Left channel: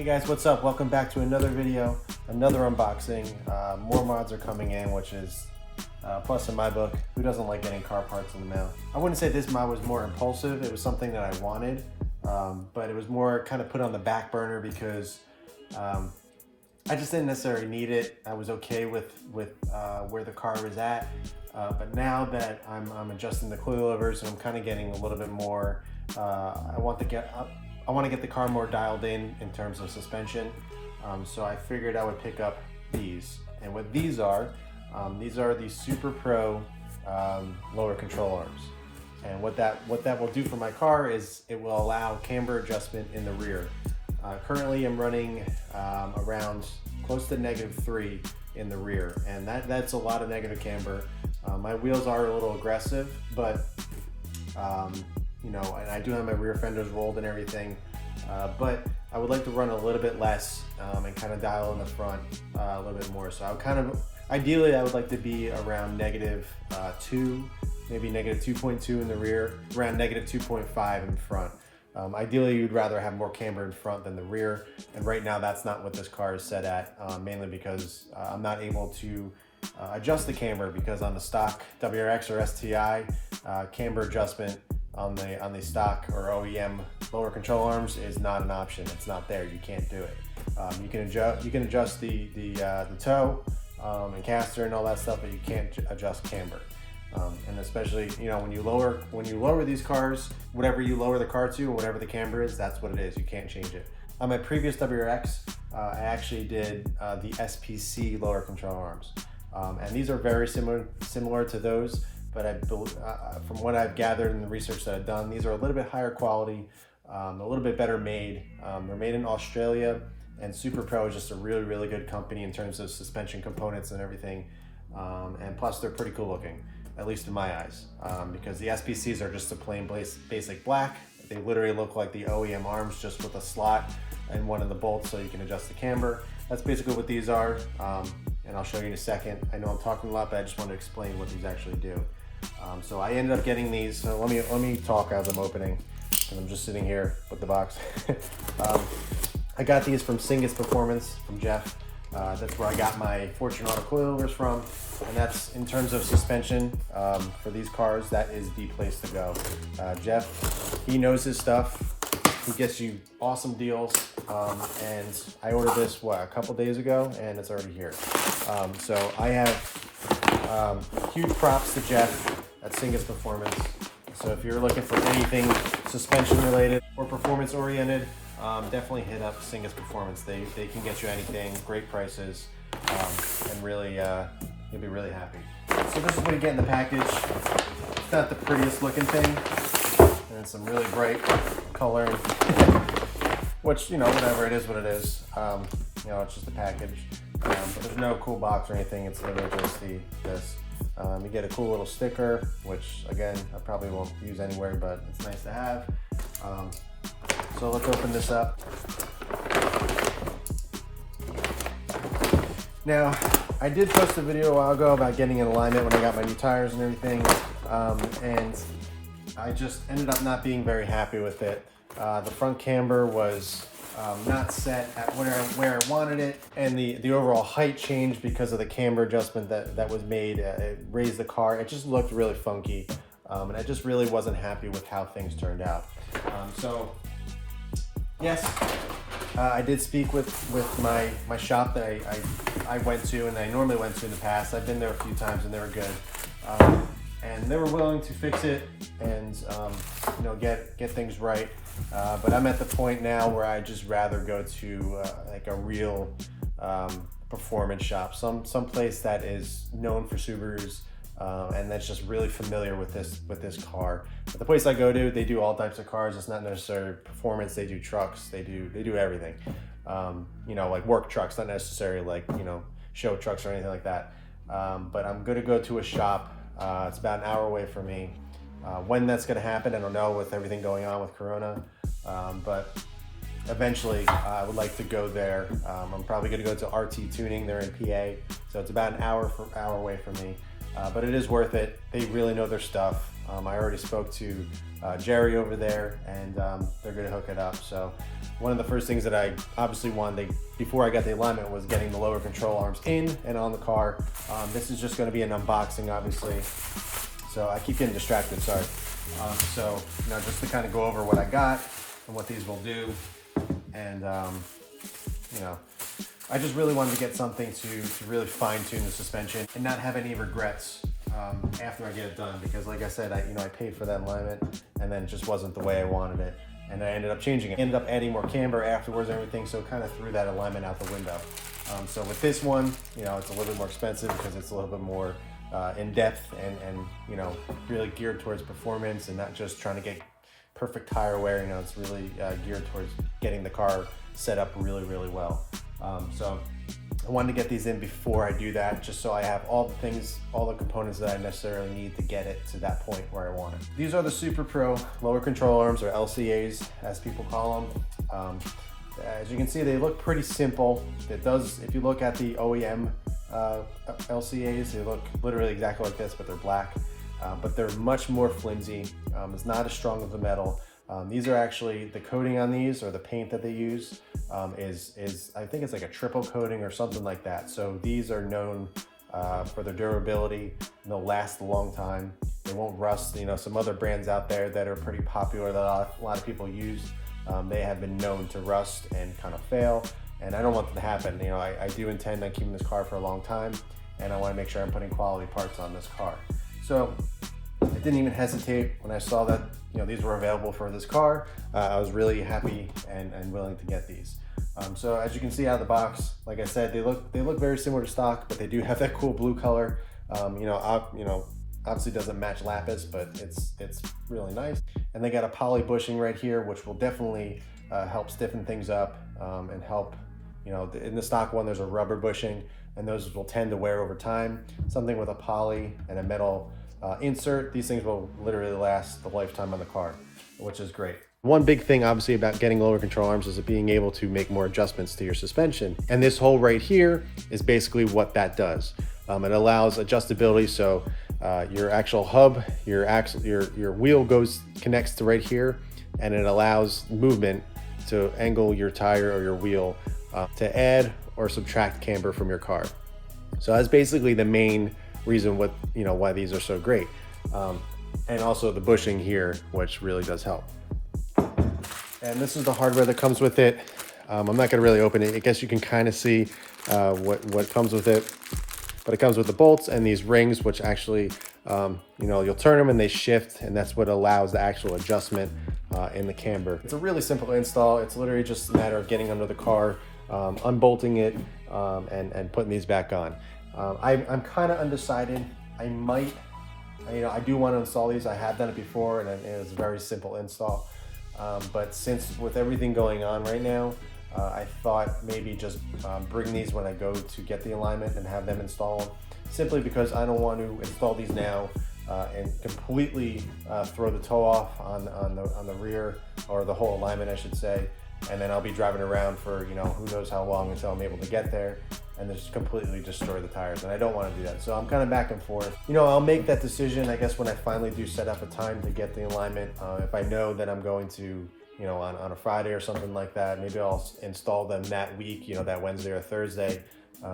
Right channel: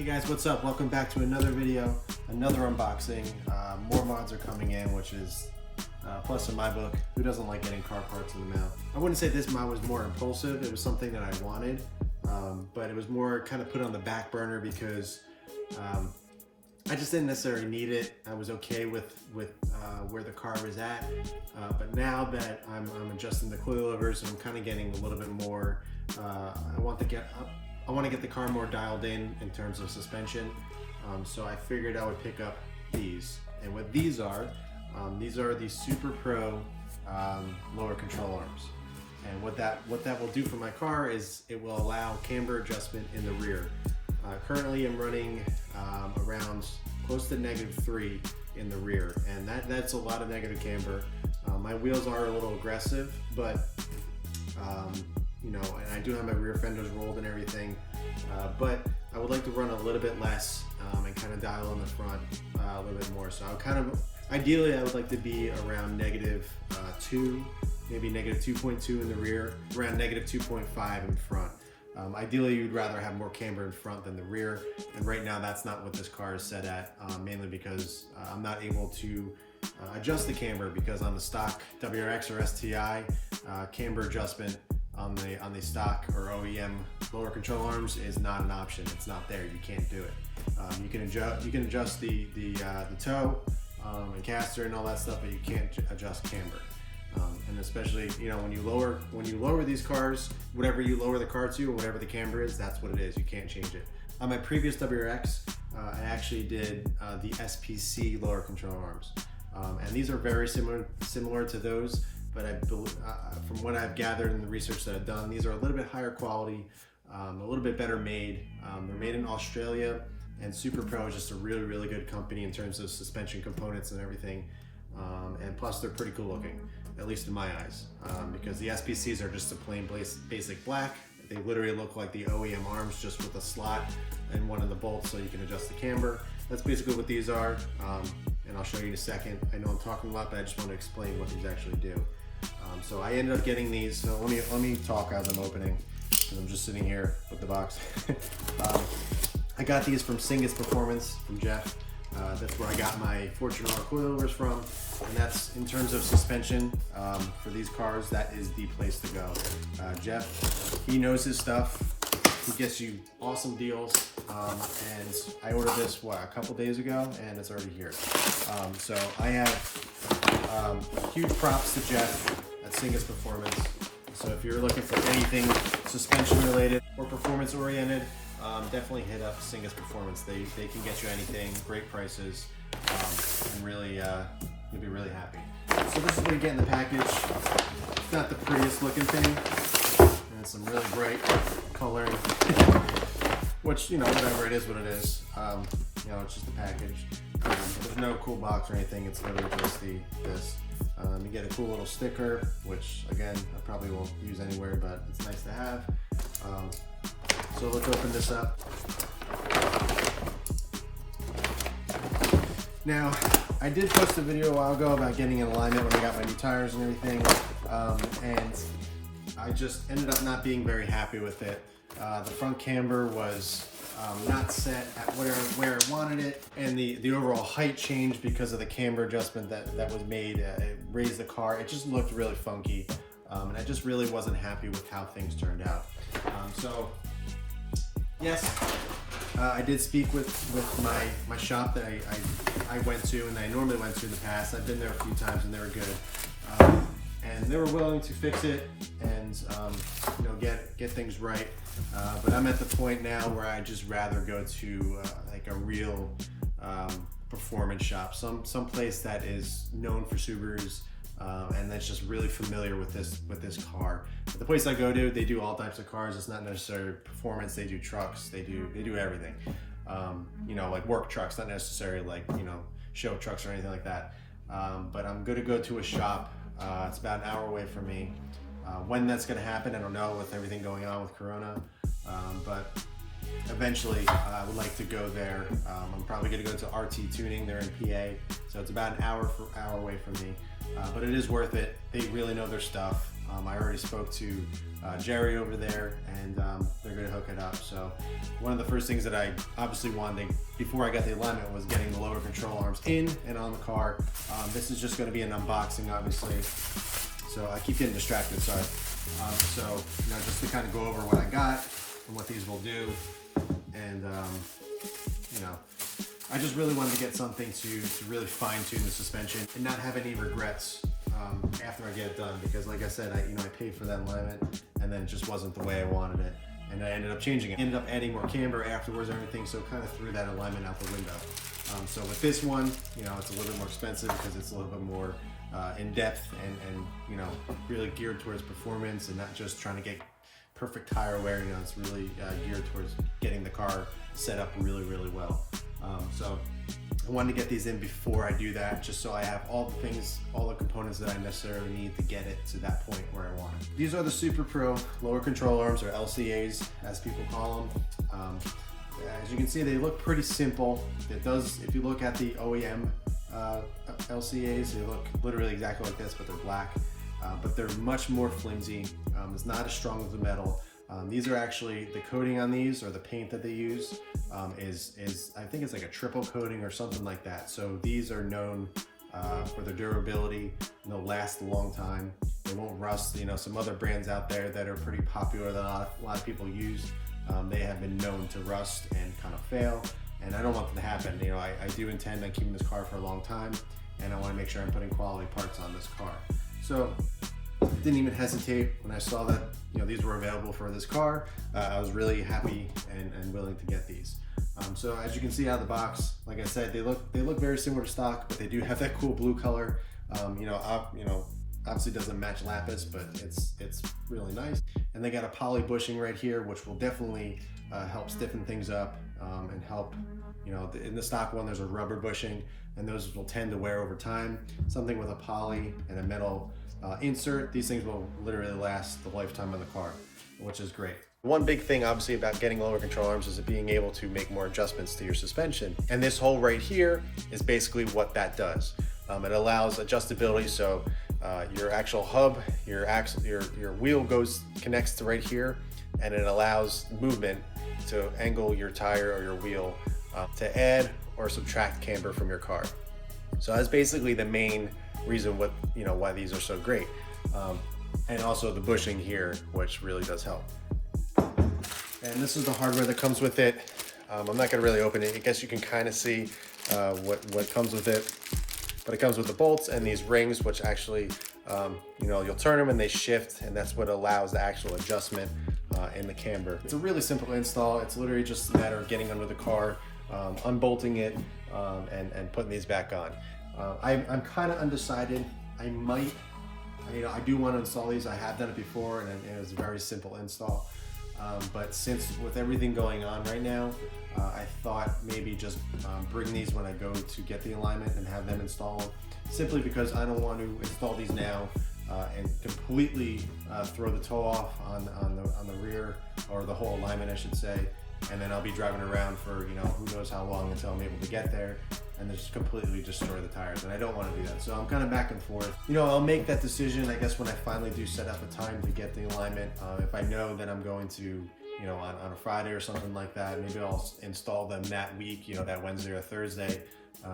Hey guys, what's up? Welcome back to another video, another unboxing. More mods are coming in, which is plus in my book. Who doesn't like getting car parts in the mail? I wouldn't say this mod was more impulsive. It was something that I wanted, but it was more kind of put on the back burner because I just didn't necessarily need it. I was okay with where the car was at, but now that I'm adjusting the coilovers and I'm kind of getting a little bit more, I want to get the car more dialed in terms of suspension. So I figured I would pick up these. And what these are the SuperPro lower control arms. And what that will do for my car is it will allow camber adjustment in the rear. Currently I'm running around close to -3 in the rear, and that's a lot of negative camber. My wheels are a little aggressive, but you know, and I do have my rear fenders rolled and everything, but I would like to run a little bit less and kind of dial in the front a little bit more. So I would ideally I would like to be around -2, maybe -2.2 in the rear, around -2.5 in front. Ideally you'd rather have more camber in front than the rear, and right now that's not what this car is set at, mainly because I'm not able to adjust the camber, because on the stock WRX or STI, camber adjustment on the stock or OEM lower control arms is not an option. It's not there. You can't do it. You can adjust the toe and caster and all that stuff, but you can't adjust camber. And especially, you know, when you lower these cars, whatever you lower the car to or whatever the camber is, that's what it is. You can't change it. On my previous WRX, I actually did the SPC lower control arms, and these are very similar to those. But I believe, from what I've gathered in the research that I've done, these are a little bit higher quality, a little bit better made. They're made in Australia, and SuperPro is just a really, really good company in terms of suspension components and everything. And plus, they're pretty cool looking, at least in my eyes, because the SPCs are just a plain basic black. They literally look like the OEM arms, just with a slot and one of the bolts so you can adjust the camber. That's basically what these are, and I'll show you in a second. I know I'm talking a lot, but I just want to explain what these actually do. So I ended up getting these. So let me talk as I'm opening, because I'm just sitting here with the box. I got these from Singus Performance from Jeff. That's where I got my Fortune Auto coilovers from, and that's in terms of suspension for these cars. That is the place to go. Jeff, he knows his stuff. He gets you awesome deals, and I ordered this a couple days ago, and it's already here. So I have huge props to Jeff at Singus Performance. So if you're looking for anything suspension related or performance oriented, definitely hit up Singus Performance. They can get you anything, great prices, and really you'll be really happy. So this is what you get in the package. It's not the prettiest looking thing, and some really bright coloring, which, you know, whatever, it is what it is. You know, it's just a package. There's no cool box or anything. It's literally just this. You get a cool little sticker, which again I probably won't use anywhere, but it's nice to have. So let's open this up. Now, I did post a video a while ago about getting in alignment when I got my new tires and everything, and I just ended up not being very happy with it. The front camber was not set at where I wanted it, and the overall height changed because of the camber adjustment that was made. It raised the car. It just looked really funky, and I just really wasn't happy with how things turned out. So yes, I did speak with my shop that I went to, and I normally went to in the past. I've been there a few times, and they were good, and they were willing to fix it and you know, get things right. But I'm at the point now where I just rather go to like a real performance shop, some place that is known for Subarus, and that's just really familiar with this car. But the place I go to, they do all types of cars. It's not necessarily performance. They do trucks. They do everything. You know, like work trucks, not necessarily like, you know, show trucks or anything like that. But I'm going to go to a shop. It's about an hour away from me. When that's going to happen, I don't know, with everything going on with Corona, but eventually I would like to go there. I'm probably going to go to RT Tuning. They're in PA, so it's about an hour away from me, but it is worth it. They really know their stuff. I already spoke to Jerry over there, and they're going to hook it up. So one of the first things that I obviously wanted before I got the alignment was getting the lower control arms in and on the car. This is just going to be an unboxing, obviously. So I keep getting distracted, sorry. So now just to kind of go over what I got and what these will do. And you know, I just really wanted to get something to really fine tune the suspension and not have any regrets after I get it done, because like I said, I paid for that alignment and then it just wasn't the way I wanted it, and I ended up changing it. Ended up adding more camber afterwards and everything, so kind of threw that alignment out the window. So with this one, it's a little bit more expensive because it's a little bit more in depth and really geared towards performance and not just trying to get perfect tire wear. It's really geared towards getting the car set up really, really well. So I wanted to get these in before I do that, just so I have all the things, all the components that I necessarily need to get it to that point where I want it. These are the SuperPro lower control arms, or LCAs as people call them. As you can see, they look pretty simple. It does, if you look at the OEM LCAs, they look literally exactly like this, but they're black. But they're much more flimsy. It's not as strong as the metal. These are actually, the coating on these, or the paint that they use, is I think it's like a triple coating or something like that. So these are known for their durability, and they'll last a long time. They won't rust. Some other brands out there that are pretty popular that a lot of people use, they have been known to rust and kind of fail, and I don't want that to happen. I do intend on keeping this car for a long time, and I want to make sure I'm putting quality parts on this car. So I didn't even hesitate when I saw that these were available for this car. I was really happy and willing to get these. So as you can see out of the box, like I said, they look very similar to stock, but they do have that cool blue color. Obviously doesn't match lapis, but it's really nice. And they got a poly bushing right here, which will definitely help stiffen things up and help. In the stock one, there's a rubber bushing, and those will tend to wear over time. Something with a poly and a metal insert, these things will literally last the lifetime of the car, which is great. One big thing obviously about getting lower control arms is being able to make more adjustments to your suspension, and this hole right here is basically what that does. It allows adjustability, so your actual hub, your wheel connects to right here, and it allows movement to angle your tire or your wheel to add or subtract camber from your car. So that's basically the main reason why these are so great. And also the bushing here, which really does help. And this is the hardware that comes with it. I'm not gonna really open it. I guess you can kind of see what comes with it. But it comes with the bolts and these rings, which actually, you'll turn them and they shift, and that's what allows the actual adjustment in the camber. It's a really simple install. It's literally just a matter of getting under the car, unbolting it, and putting these back on. I'm kind of undecided. I do want to install these. I have done it before, and it was a very simple install. But since with everything going on right now, I thought maybe just bring these when I go to get the alignment and have them install them, simply because I don't want to install these now and completely throw the toe off on the rear, or the whole alignment I should say, and then I'll be driving around for who knows how long until I'm able to get there, and just completely destroy the tires, and I don't want to do that. So I'm kind of back and forth. I'll make that decision, I guess, when I finally do set up a time to get the alignment. If I know that I'm going to, on a Friday or something like that, maybe I'll install them that week, that Wednesday or Thursday,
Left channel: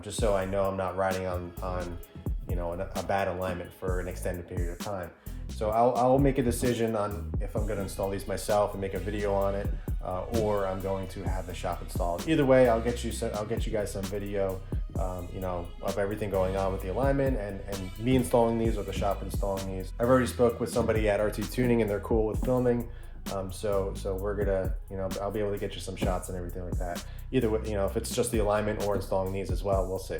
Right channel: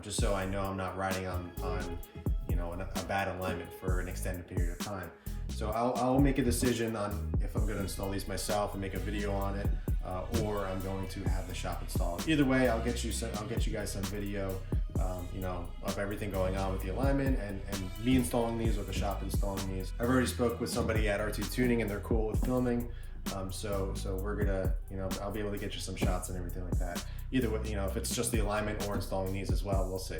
just so I know I'm not riding on a bad alignment for an extended period of time. So I'll make a decision on if I'm going to install these myself and make a video on it, or I'm going to have the shop installed. Either way, I'll get you guys some video, of everything going on with the alignment and me installing these or the shop installing these. I've already spoke with somebody at RT Tuning, and they're cool with filming. So we're gonna, I'll be able to get you some shots and everything like that. Either way, if it's just the alignment or installing these as well, we'll see.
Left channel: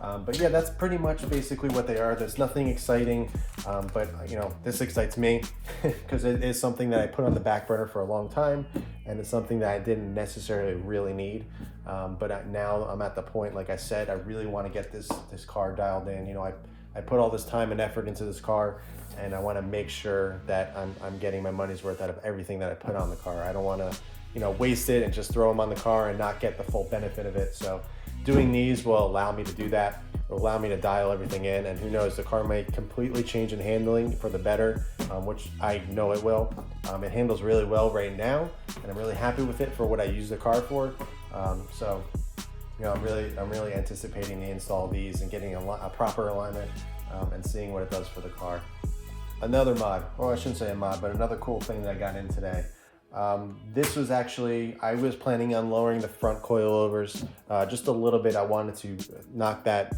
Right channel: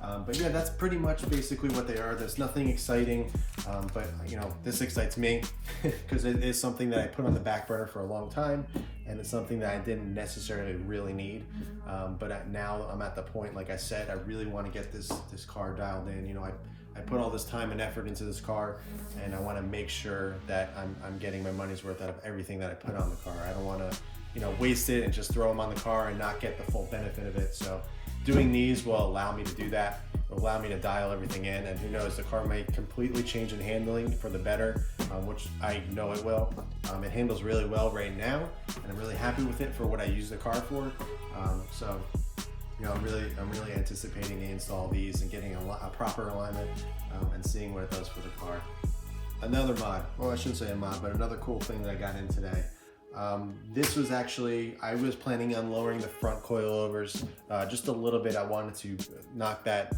But yeah, that's pretty much basically what they are. There's nothing exciting, but this excites me because it is something that I put on the back burner for a long time, and it's something that I didn't necessarily really need. But now I'm at the point, like I said, I really want to get this car dialed in. I put all this time and effort into this car, and I want to make sure that I'm getting my money's worth out of everything that I put on the car. I don't want to waste it and just throw them on the car and not get the full benefit of it. So doing these will allow me to do that. Will allow me to dial everything in, and who knows, the car might completely change in handling for the better which I know it will. It handles really well right now, and I'm really happy with it for what I use the car for. So, you know, I'm really anticipating to install these and getting a proper alignment and seeing what it does for the car. Another mod, well, I shouldn't say a mod, but another cool thing that I got in today. This was actually, I was planning on lowering the front coilovers just a little bit. I wanted to knock that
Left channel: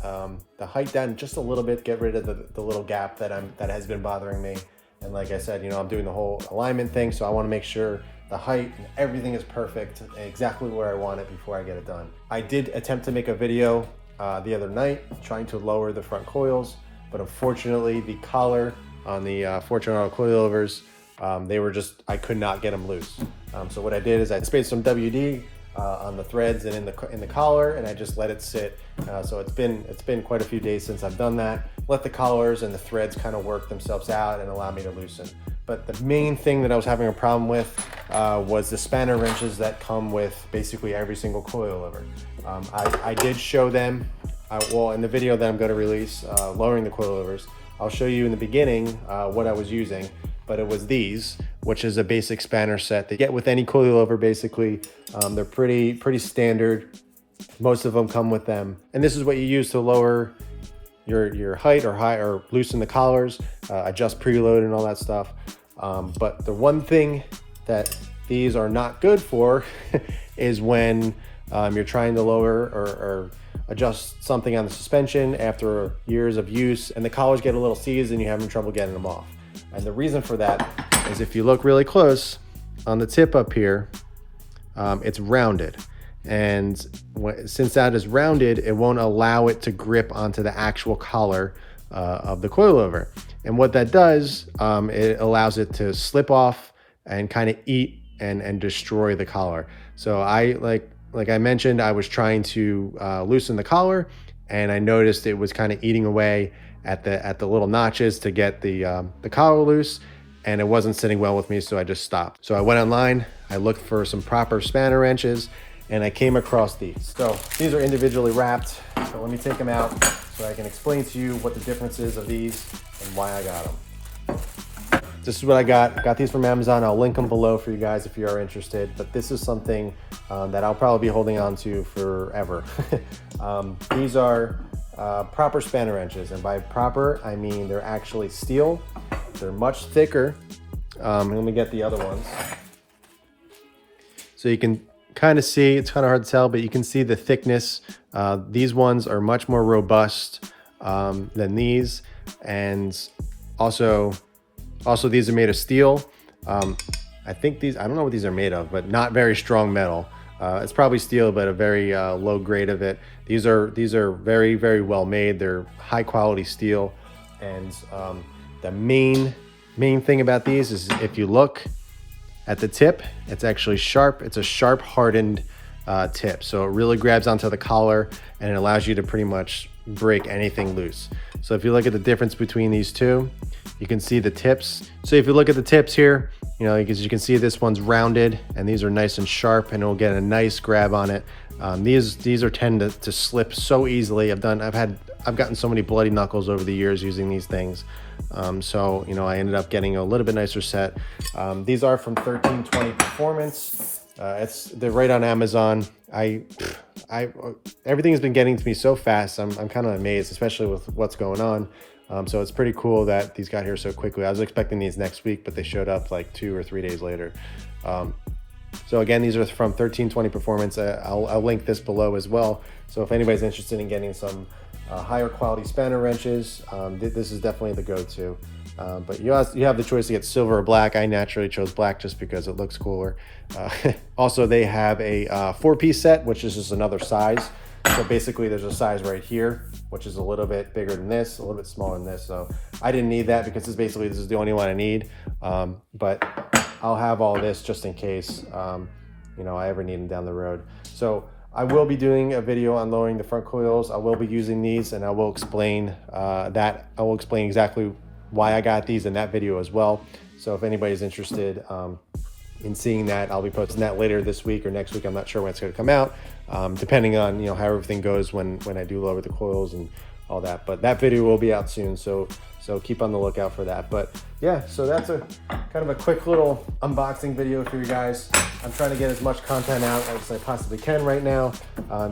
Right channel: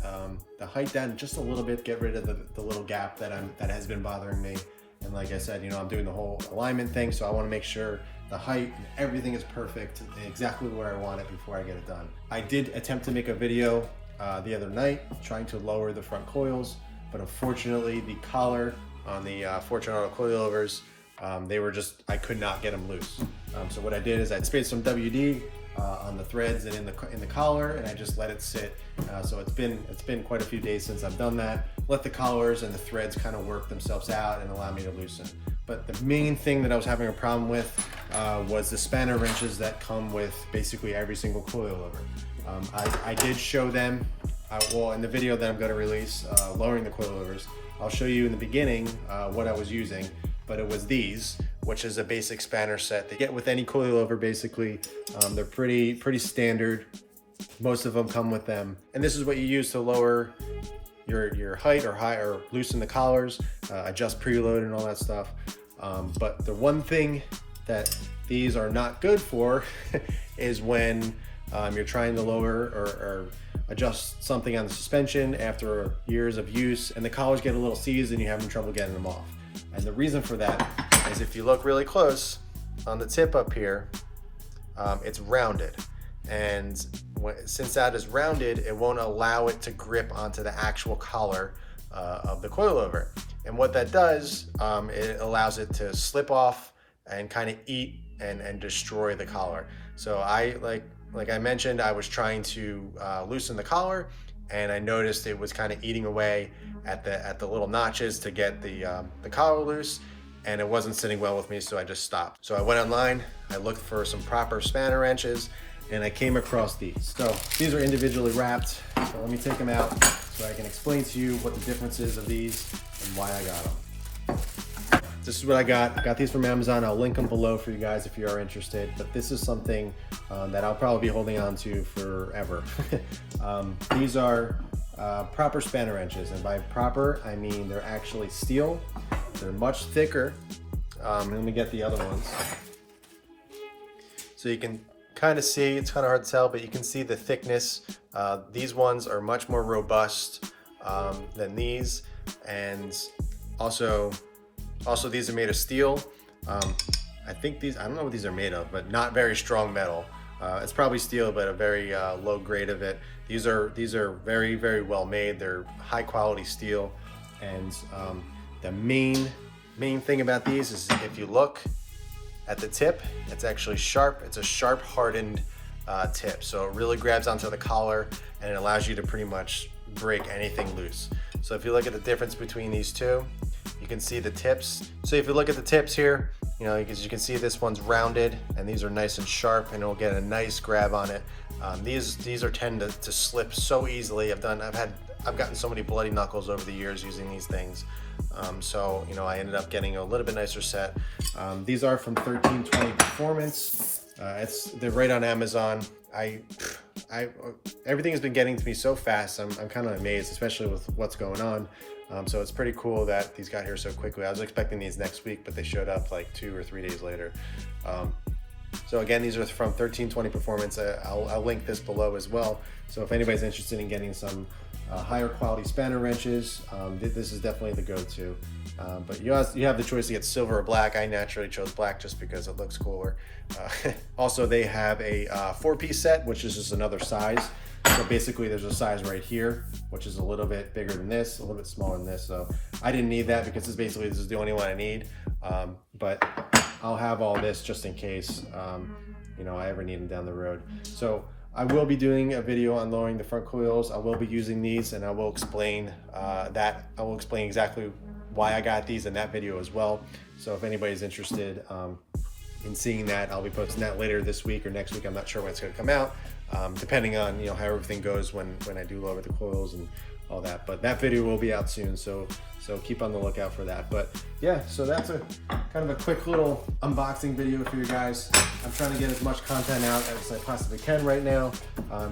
the height down just a little bit, get rid of the little gap that has been bothering me. And like I said, you know, I'm doing the whole alignment thing, so I want to make sure the height and everything is perfect and exactly where I want it before I get it done. I did attempt to make a video the other night trying to lower the front coils, but unfortunately the collar on the Fortunato coilovers, they were just, I could not get them loose. So what I did is I sprayed some WD on the threads and in the collar, and I just let it sit. So it's been quite a few days since I've done that. Let the collars and the threads kind of work themselves out and allow me to loosen. But the main thing that I was having a problem with was the spanner wrenches that come with basically every single coilover. I did show them, well, in the video that I'm going to release, lowering the coilovers, I'll show you in the beginning what I was using, but it was these, which is a basic spanner set that you get with any coilover basically. They're pretty standard. Most of them come with them. And this is what you use to lower your height or loosen the collars, adjust preload and all that stuff. But the one thing that these are not good for is when you're trying to lower or adjust something on the suspension after years of use and the collars get a little seized and you're having trouble getting them off. And the reason for that is if you look really close on the tip up here, it's rounded. And since that is rounded, it won't allow it to grip onto the actual collar of the coilover. And what that does, it allows it to slip off and kind of eat and destroy the collar. So like I mentioned, I was trying to loosen the collar, and I noticed it was kind of eating away at the little notches to get the collar loose, and it wasn't sitting well with me, so I just stopped. So I went online, I looked for some proper spanner wrenches, and I came across these. So these are individually wrapped, so let me take them out so I can explain to you what the difference is of these and why I got them. This is what I got these from Amazon. I'll link them below for you guys if you are interested, but this is something that I'll probably be holding on to forever. These are proper spanner wrenches, and by proper, I mean they're actually steel. They're much thicker. Let me get the other ones. So you can kind of see, it's kind of hard to tell, but you can see the thickness. These ones are much more robust than these, and also these are made of steel. I think these, I don't know what these are made of, but not very strong metal. It's probably steel, but a very low grade of it. These are very, very well made. They're high quality steel. And the main thing about these is if you look at the tip, it's actually sharp. It's a sharp hardened tip. So it really grabs onto the collar and it allows you to pretty much break anything loose. So if you look at the difference between these two, you can see the tips. So if you look at the tips here, you know, as you can see, this one's rounded and these are nice and sharp, and it'll get a nice grab on it. These are tend to slip so easily. I've gotten so many bloody knuckles over the years using these things. So, you know, I ended up getting a little bit nicer set. These are from 1320 Performance. They're right on Amazon. Everything has been getting to me so fast. I'm kind of amazed, especially with what's going on. So it's pretty cool that these got here so quickly. I was expecting these next week, but they showed up like 2 or 3 days later. So again, these are from 1320 Performance. I'll link this below as well. So if anybody's interested in getting some higher quality spanner wrenches, this is definitely the go-to. But you have the choice to get silver or black. I naturally chose black just because it looks cooler. Also, they have a 4-piece set, which is just another size. So basically there's a size right here, which is a little bit bigger than this, a little bit smaller than this. So I didn't need that because this is the only one I need. But I'll have all this just in case, you know, I ever need them down the road. So I will be doing a video on lowering the front coils. I will be using these, and I will explain exactly why I got these in that video as well. So if anybody's interested in seeing that, I'll be posting that later this week or next week. I'm not sure when it's going to come out, depending on, you know, how everything goes when I do lower the coils and all that. But that video will be out soon, so keep on the lookout for that. But yeah, so that's a kind of a quick little unboxing video for you guys. I'm trying to get as much content out as I possibly can right now,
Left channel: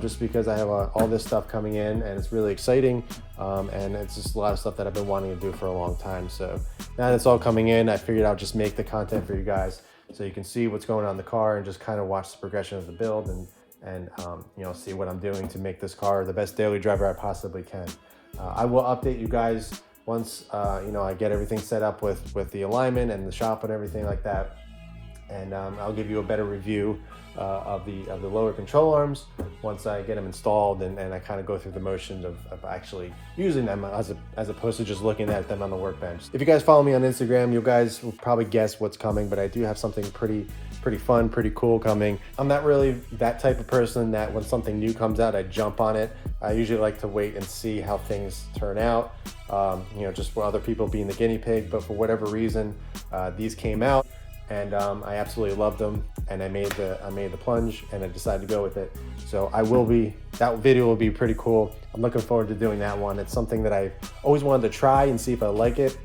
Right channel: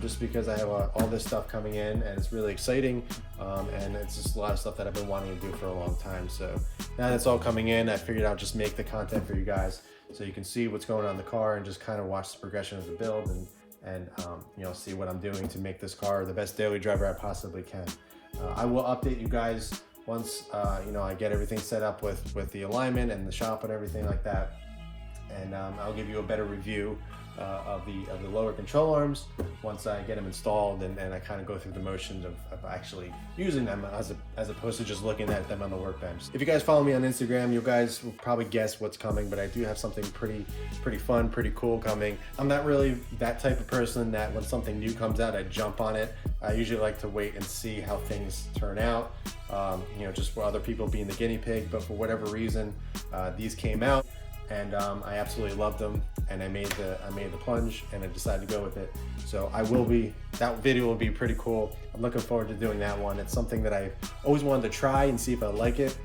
just because I have all this stuff coming in, and it's really exciting, and it's just a lot of stuff that I've been wanting to do for a long time. So now that it's all coming in, I figured I'll just make the content for you guys so you can see what's going on in the car and just kind of watch the progression of the build and you know, see what I'm doing to make this car the best daily driver I possibly can. I will update you guys once you know, I get everything set up with the alignment and the shop and everything like that, and I'll give you a better review of the lower control arms once I get them installed, and I kind of go through the motions of actually using them as opposed to just looking at them on the workbench. If you guys follow me on Instagram, you guys will probably guess what's coming, but I do have something pretty fun, pretty cool coming. I'm not really that type of person that when something new comes out, I jump on it. I usually like to wait and see how things turn out, you know, just for other people being the guinea pig. But for whatever reason, these came out, and I absolutely loved them, and I made the plunge, and I decided to go with it. So that video will be pretty cool. I'm looking forward to doing that one. It's something that I always wanted to try and see if I like it,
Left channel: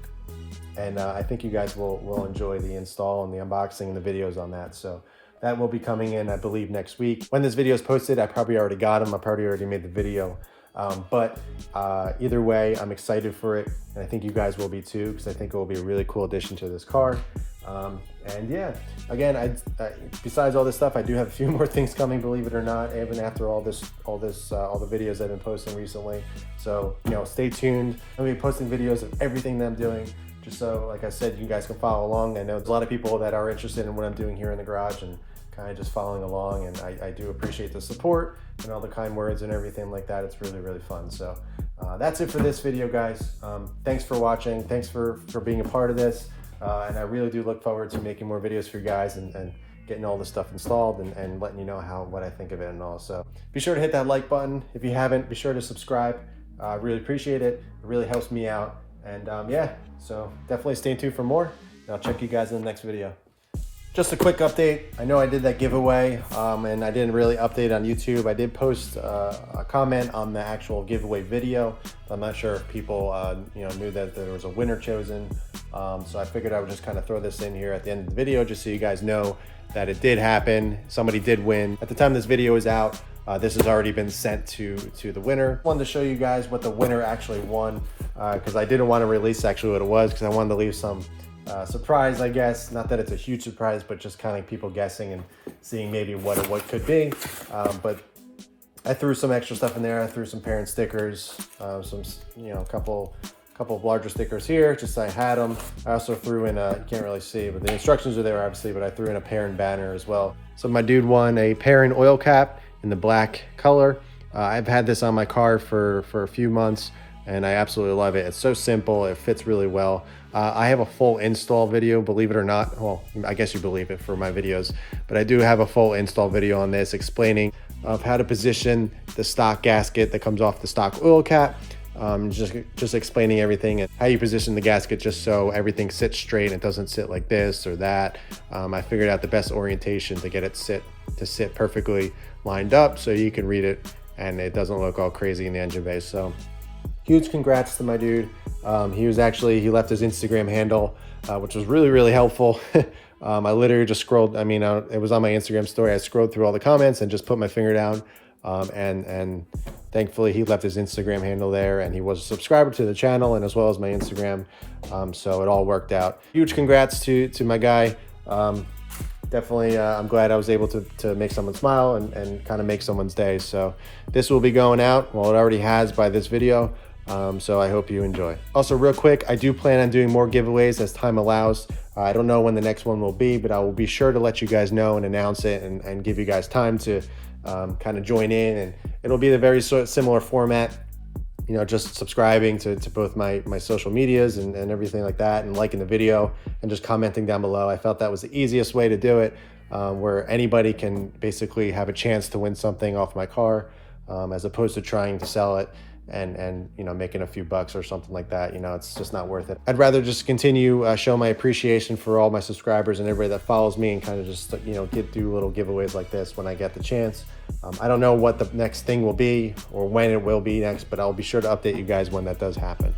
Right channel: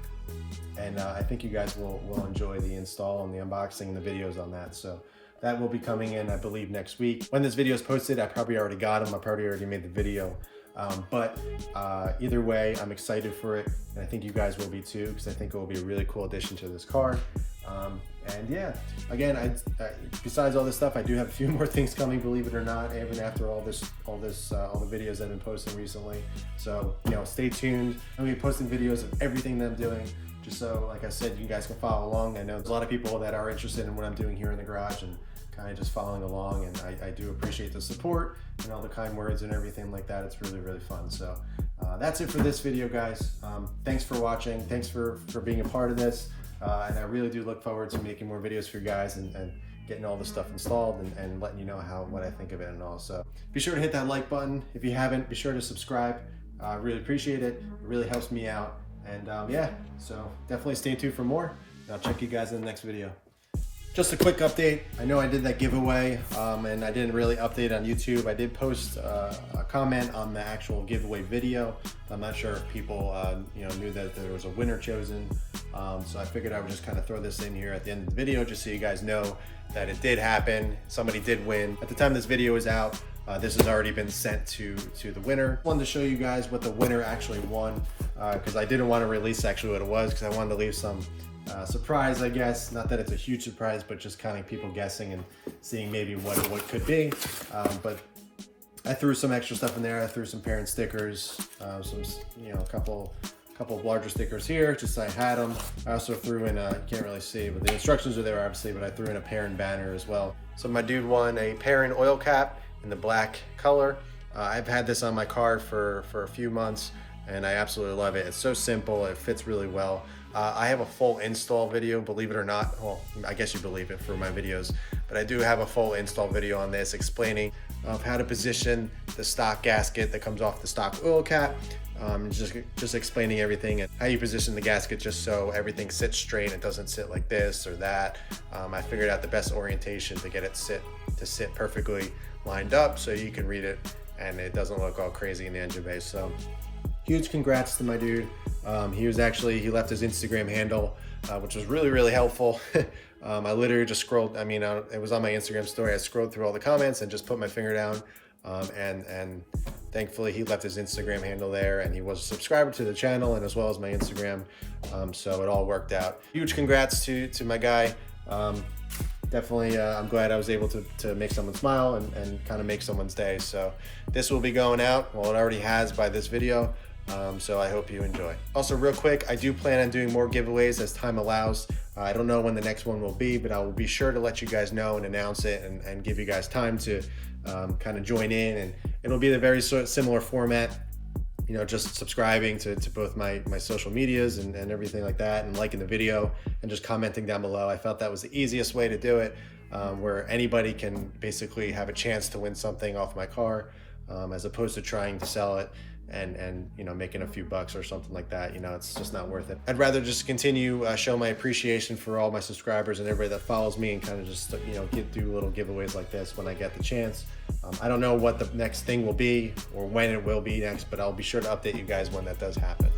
and I think you guys will enjoy the install and the unboxing and the videos on that. So that will be coming in, I believe, next week. When this video is posted, I probably already got them. I probably already made the video. But either way, I'm excited for it, and I think you guys will be too, because I think it will be a really cool addition to this car. And yeah, again, besides all this stuff, I do have a few more things coming, believe it or not, even after all the videos I've been posting recently. So, you know, stay tuned. I'll be posting videos of everything that I'm doing, just so, like I said, you guys can follow along. I know there's a lot of people that are interested in what I'm doing here in the garage and kind of just following along, and I do appreciate the support and all the kind words and everything like that. It's really fun. So that's it for this video, guys. Thanks for watching. Thanks for being a part of this. And I really do look forward to making more videos for you guys and getting all this stuff installed and letting you know what I think of it and all. So be sure to hit that like button. If you haven't, be sure to subscribe. I really appreciate it. It really helps me out. And yeah, so definitely stay tuned for more. And I'll check you guys in the next video. Just a quick update. I know I did that giveaway, and I didn't really update on YouTube. I did post a comment on the actual giveaway video. I'm not sure if people you know, knew that there was a winner chosen. So I figured I would just kind of throw this in here at the end of the video, just so you guys know that it did happen. Somebody did win. At the time this video is out, this has already been sent to the winner. I wanted to show you guys what the winner actually won, because I didn't want to release actually what it was, because I wanted to leave some surprise, I guess. Not that it's a huge surprise, but just kind of people guessing and seeing maybe what could be. But I threw some extra stuff in there. I threw some parent stickers, some, you know, a couple of larger stickers here, just so I had them. I also threw in you can't really see, but the instructions are there obviously, but I threw in a parent banner as well. So my dude won a parent oil cap in the black color. I've had this on my car for a few months, and I absolutely love it. It's so simple, it fits really well. I have a full install video, believe it or not. Well, I guess you believe it for my videos, but I do have a full install video on this explaining of how to position the stock gasket that comes off the stock oil cap. Just explaining everything and how you position the gasket just so everything sits straight. It doesn't sit like this or that. I figured out the best orientation to get it to sit perfectly lined up so you can read it and it doesn't look all crazy in the engine bay. So huge congrats to my dude. He left his Instagram handle, which was really helpful. I literally just scrolled, it was on my Instagram story. I scrolled through all the comments and just put my finger down, and thankfully he left his Instagram handle there, and he was a subscriber to the channel and as well as my Instagram. So it all worked out. Huge congrats to my guy. Definitely, I'm glad I was able to make someone smile and kind of make someone's day. So this will be going out, well, it already has by this video. So I hope you enjoy. Also, real quick, I do plan on doing more giveaways as time allows. I don't know when the next one will be, but I will be sure to let you guys know and announce it and give you guys time to kind of join in. And it'll be a very similar format, you know, just subscribing to both my social medias and everything like that, and liking the video and just commenting down below. I felt that was the easiest way to do it, where anybody can basically have a chance to win something off my car, as opposed to trying to sell it and you know, making a few bucks or something like that. You know, it's just not worth it. I'd rather just continue show my appreciation for all my subscribers and everybody that follows me, and kind of just, you know, do little giveaways like this when I get the chance. I don't know what the next thing will be or when it will be next, but I'll be sure to update you guys when that does happen.